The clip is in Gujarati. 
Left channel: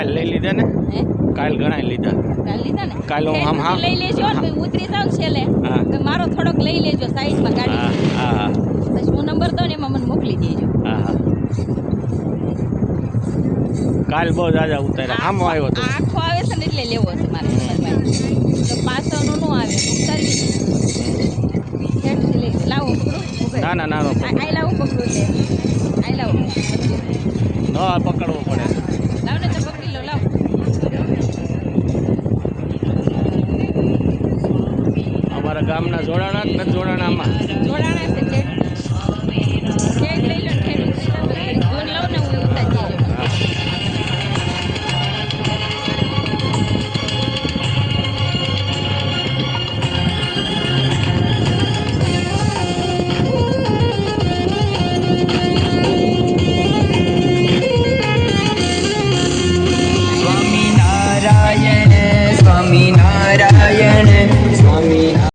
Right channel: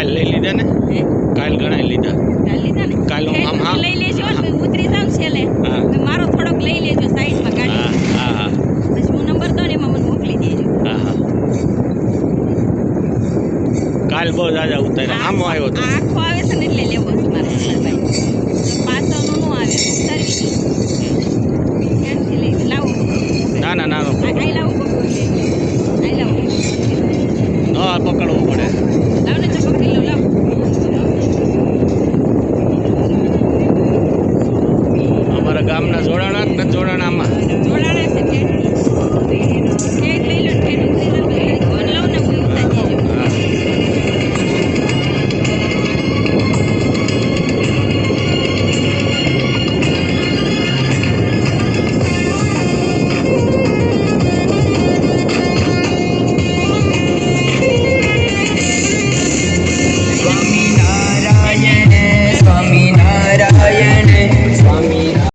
કાલ લઈ લીધા ને હે કાલ ઘણા લીધા કાલ લીધા ને કાલ હું આમ હા લઈ લેજો ને પછી ઉતરી જાવ ને છેલ્લે હા. તો મારો થોડોક લઈ લેજો સાઈડમાં હા કાઢી હા હા પછી હું નંબર દઉં ને એમાં મને મોકલી દેજો હા હા કાલ બહુ જાજા ઉતાર્યા આમ આવ્યો તો આખો આવે છે ને એટલે લેવો છે મારે ભાઈ તો પાછળનો નો આવે ઉતારવી નહીં હેડથી લઈ લાવો પકડો ના ના ના આઈ લાવું પકડો એટલે આઈ લાવું ન પકડવું પડે